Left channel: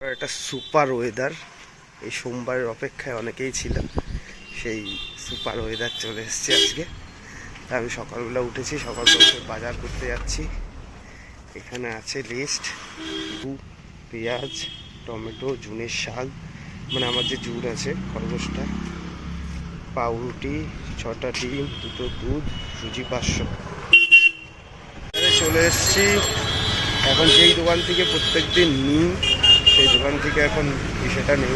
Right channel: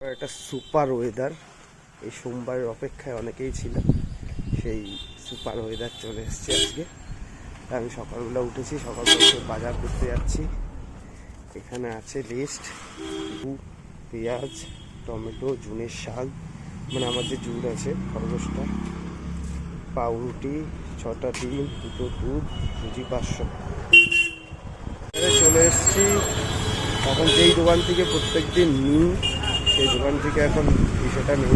একটা super weather, এই সোমবারের অপেক্ষায় অনেকেই ছিলেন। সেই সুপার ওয়েদার চলে এসছে আজকে। আমি সকালবেলা উঠেছি, সকালবেলা বাজার করতে যাচ্ছি। এখানে আছে লিস্ট, পেঁয়াজ, টমেটো, জুনের শাক, মানে আমার যে জুন আছে খরগোশটা, পাউরুটি, 6টা ডিম, 2টো দুধ, সুজি 500। চলে এসছি। এখন যেই দোকান থেকে প্রত্যেক দিন নিই সেই দোকান থেকে এখন সেটা নেব,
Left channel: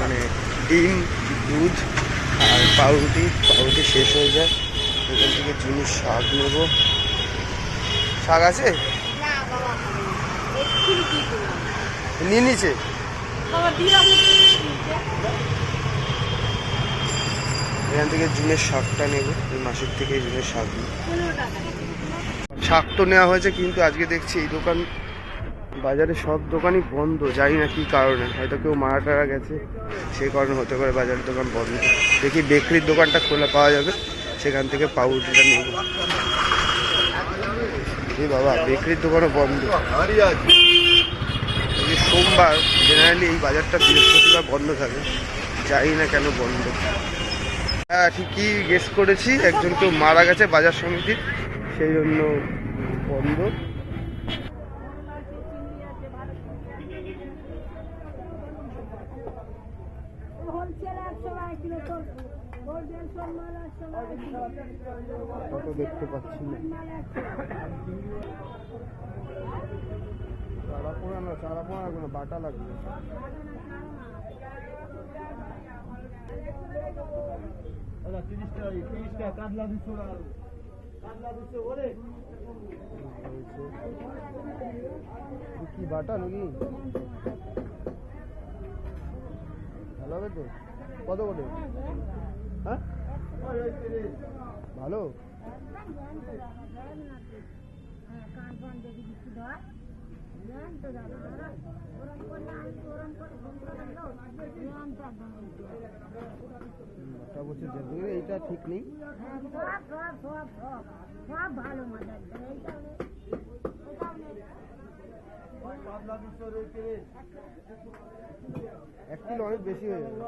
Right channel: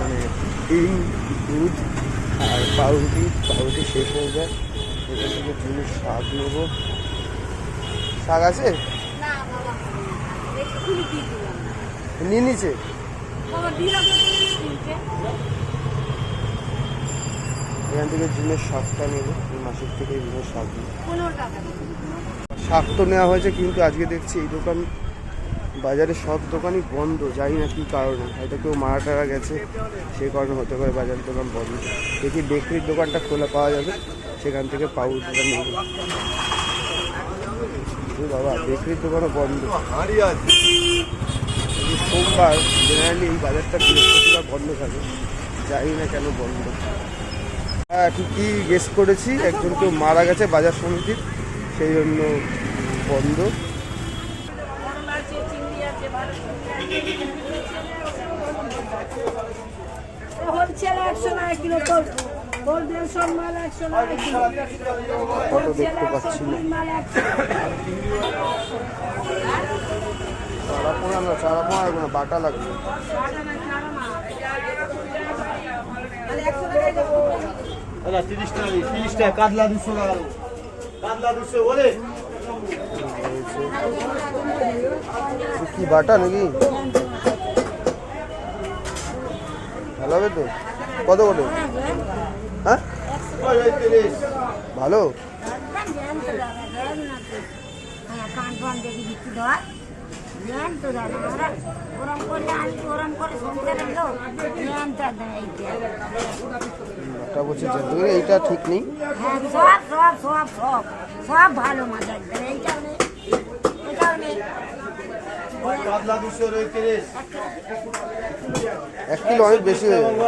মানে ডিম, দুধ আর পাউরুটি শেষ হয়ে যায়। এখান থেকে জুনের শাক নেব। শাক আছে নিয়ে নিচে। এখান থেকে জুনের শাকটা নেব, এই মাসের থেকে জুনের শাক নেব। শাক তো নেওয়া হয়েছে, কিন্তু আজকে দেখছি এই দোকান, বাজারে সব দোকানই বন্ধ। জানি না কী কারণে, হয়তো কেউ মারা টারা গেছে সেই কারণে হতে পারে বাজারের দোকান বন্ধ। দেখি বেকারির দোকানটা খোলা পাওয়া যাবে, সেখান থেকে পাউরুটিটা নেব। এই বাবা, বেকারির দোকানও বন্ধ। সোমবার জেনারেলি এই বাজারটা বৃহস্পতিবার বন্ধ থাকে, জানি না কেন বন্ধ। হ্যাঁ, ঠিকই গেস করেছি, একজন কেউ মারা গেছে বাজার সমিতির, সেই জন্য বন্ধ। ফটো দেখতে পাচ্ছি না। চারা পোনা লাগবে না, বাটা লাগবে। কি বাটা নাকি? ভালো হবে তো? কত করে? হ্যাঁ, ভালো। এইটা ঠিক নেই। সব ভালো মাছ, 1 কিলো অনেক বেশি হয়ে যাবে।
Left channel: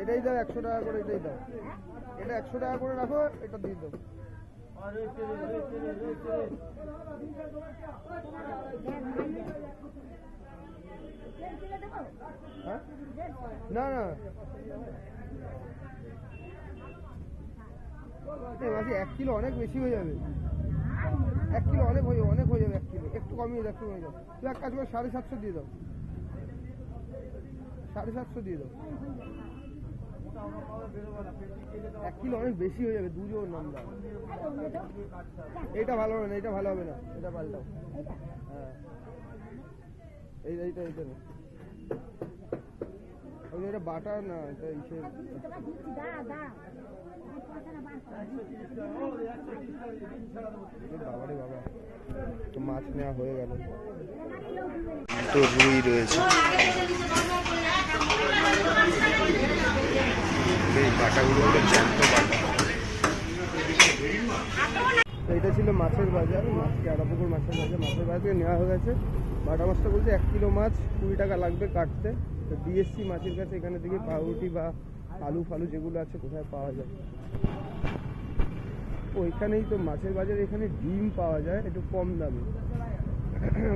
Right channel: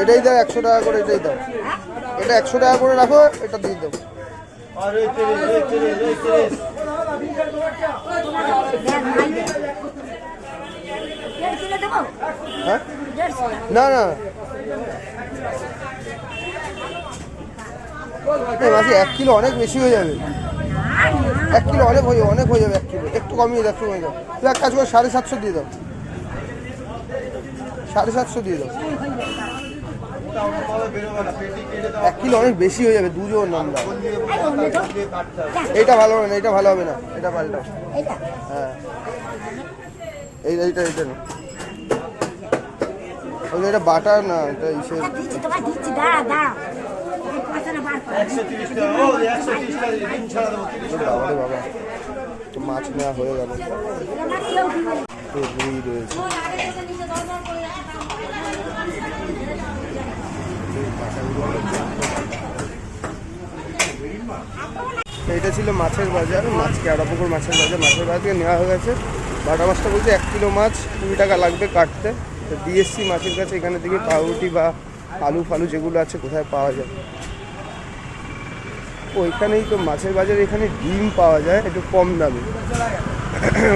এটাই দাও 100 টাকা করে, এটাই দাও। এটা 100 টাকা করে রাখো, এটা দিয়ে দাও। হ্যাঁ, না না মাসি 1 কিলো অনেক বেশি হয়ে যাবে। 1 কিলো অনেক হয়ে যাবে, 1 কিলো একটু কমিয়ে দাও, একটু কমিয়ে দাও। তুই এক কাজ করে 750 দিয়ে দাও, 750 দিয়ে দাও। 1 কিলো অনেক বেশি হয়ে যাবে, দুজন আমরা। এইটা ভালো হবে না, এটা ভালো হবে না, এটা পাল্টাও। হ্যাঁ, এইটা না, এটা বাটার না, এটা ইসের। বাবারে বাবা, তো মাছ নেওয়া হয়ে গেল। তো রুই রয়েছে, এই বাটাগুলো হলো জ্যান্ত বাটা। এইটা ছিল মাছের বাজার, কেওড়াপুকুর মাছের বাজার। মাছের বাজার থেকে নেওয়া হয়ে গেছে। বাটা মাছটা বলছে 1 কিলো মাছ 20 টাকা লাগবে কাটতে। তো দিয়ে এসছি মাছের কাছে। এখানে থেকে পাউরুটি বা আলু ফালু যেগুলো আছে কোথায় পাওয়া যায়। ওইখানেই তো মাছের বাজার, এখানে ডিম পাওয়া যায় একটু কম দামে,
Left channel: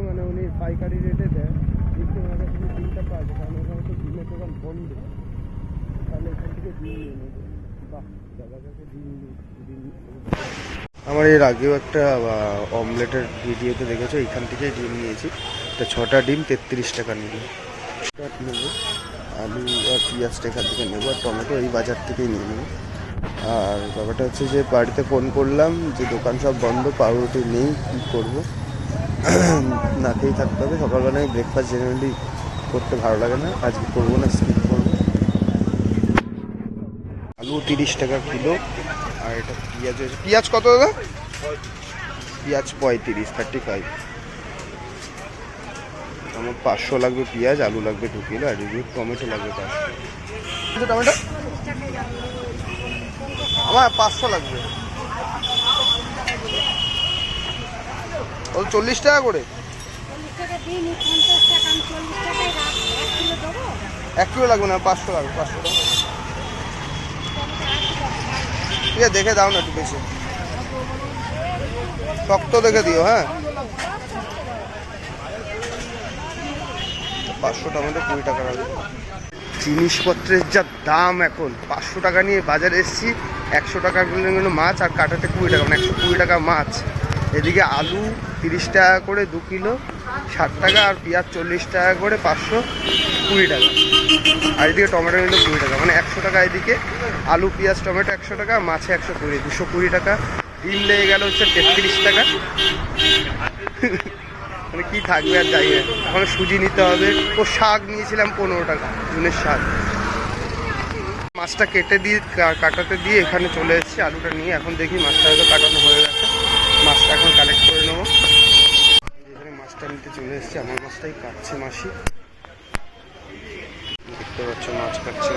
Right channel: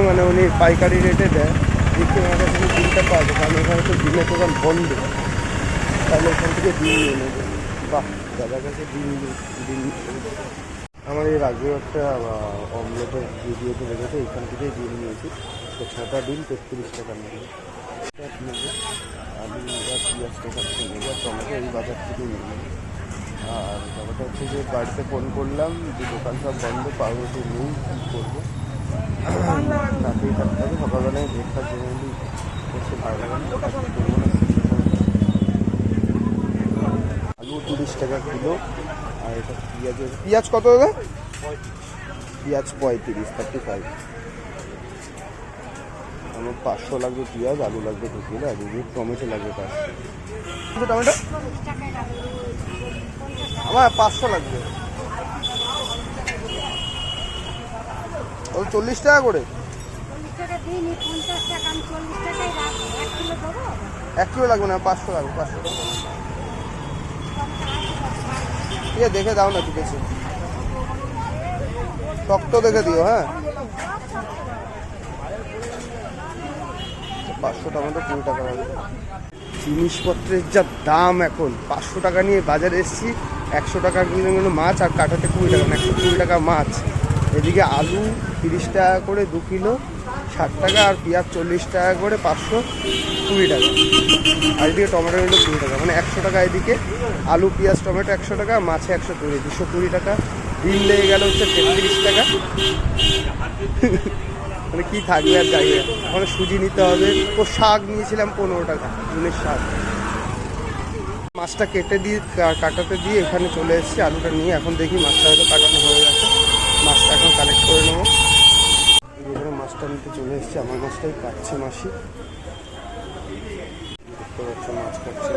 মানে উনি পাইকারি রেটে দেয়। দেখতে আমার কাছে ডিমটা পাওয়া যায়, কারণ এখানে তো ডিমের দোকান বন্ধ। তাহলে এখান থেকে ডিম নিয়ে নেবে। বাহ, দাদার কাছে ডিম। আমার এর আগেও একটা অমলেটের ভিডিওতে দেখেছো, এখান থেকেই ডিম নিয়েছি। তো 6টা ডিম 33 টাকা নেবো। নেবো আলু আর পেঁয়াজটা এখান থেকে নেবো, আর টমেটো এই বাজার থেকেই নিয়ে নেবো। আর ব্যাপারটা হচ্ছে যে বাড়িতে ফোন করলাম যে দোকান সব বন্ধ, পাউরুটি নেই, কী করবো, না খেয়েই থাকতে হবে। সকালবেলায় ব্রেকফাস্ট জেনারেলি করতে ভালো লাগে না, আজকে করবো না, স্কিপ করবো। আলু 30 টাকা কিলো, আর এটা পেঁয়াজ কত দাদা? পেঁয়াজ 35। আমার 500 লাগবে পেঁয়াজ, আলু লাগবে 2 কিলো, আর টমেটো লাগবে 500। টমেটো আমার 500 লাগবে। ও 40 টাকা করে। 1 কিলো লাগবে না, 500 লাগবে, 500 টাকা। ঠিক আছে, দেখে দাও না একটু বেশি, শক্ত দেখে দিও। হ্যাঁ, 500 টমেটো 20 টাকা লাগবে। জিনিসপত্রের যা দাম এখন, 500 টাকা নিয়ে বাজারে এসেছি, 100 টাকা কিলো মাছ আর কাটাতে 20 টাকা, মানে 120 টাকা মাছ। এদিকে আলু 30 টাকা করে 2 কিলো 60 টাকা, আর পেঁয়াজ 40 টাকা করে 520 টাকা, আর এদিকে টমেটো নিল 20 টাকা, মানে 100 টাকা। এদিকে আলু পেঁয়াজ টমেটো 100 টাকা, মাছে 120, 220 টাকা। ডিম লেগে গেল হচ্ছে 33 টাকা। মানে কি থাকবে আর যাই। এখন সুজি নিতে হবে। ও শাক নিয়েছিলাম 15 টাকা, জুনের শাক। মাছটা কেটে দিয়ে কাটাতে দিয়ে এখানে চলে এসেছি আলুটা নিয়ে। এখন দেখি মাছটা হয়তো কাটানো হয়ে গেছে, মাছটা এখন কালেক্ট করে নেবো। এখানে মাছটা নিতে চলে এসেছি, আমার মাছটাই কাটছে মাসি, দেখতে পাচ্ছ মাছ কাটছে।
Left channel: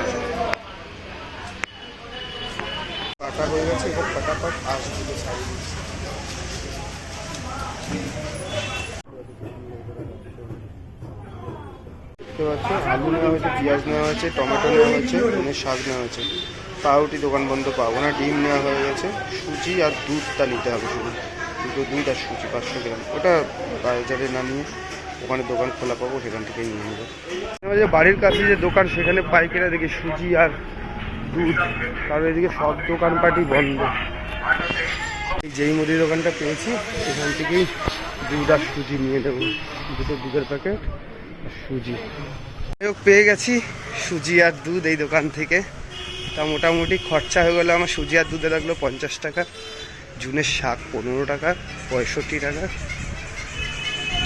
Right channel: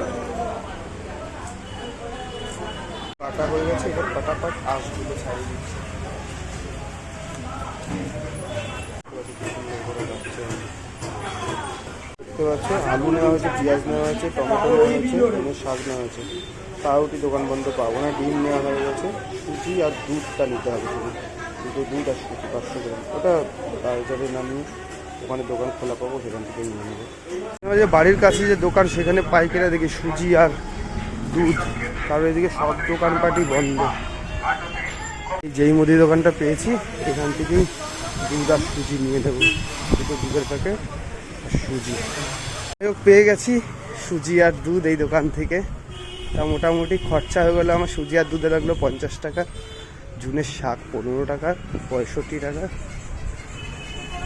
কাটা হয়ে গেছে, এবার ফটাফট আঁশগুলো ছাড়িয়ে দিচ্ছি। দেখতে পাচ্ছ আলু নেওয়া হয়েছে, পেঁয়াজ নেওয়া হয়েছে, টমেটো নেওয়া হয়েছে, ধনের শাক নেওয়া হয়েছে। পাউরুটি দোকান বন্ধ পাবো না। ডিম নেওয়া হয়ে গেছে, সুজি আর দুধটা নিতে হবে শুধু, দুটো দুধ আর সুজি 500 গ্রাম। ওটা বাজারে না নিয়ে ওখানে দোকান খোলা পাবো, সেখান থেকে নিয়ে নেবো। যে বাড়ির কাছে যে দোকান, সেখানে পাইকারি দেখি সুজি আর দুধ, কারণ এদিকে সব দোকানপাটই বন্ধ। যেই মুদি দোকানটা পেয়েছি সেখান থেকেই দুধ আর সুজি নিয়ে নেবো, দুটো দুধের প্যাকেট আর সুজি। পেয়ে গেছি সুজি আর দুধ এই দোকান থেকে। তা মোটামুটি খরচা হয়ে গেলো আমার, সুজি আর দুধে লাগলো 50 টাকা, জুনের শাক 15 টাকা, 65 টাকা,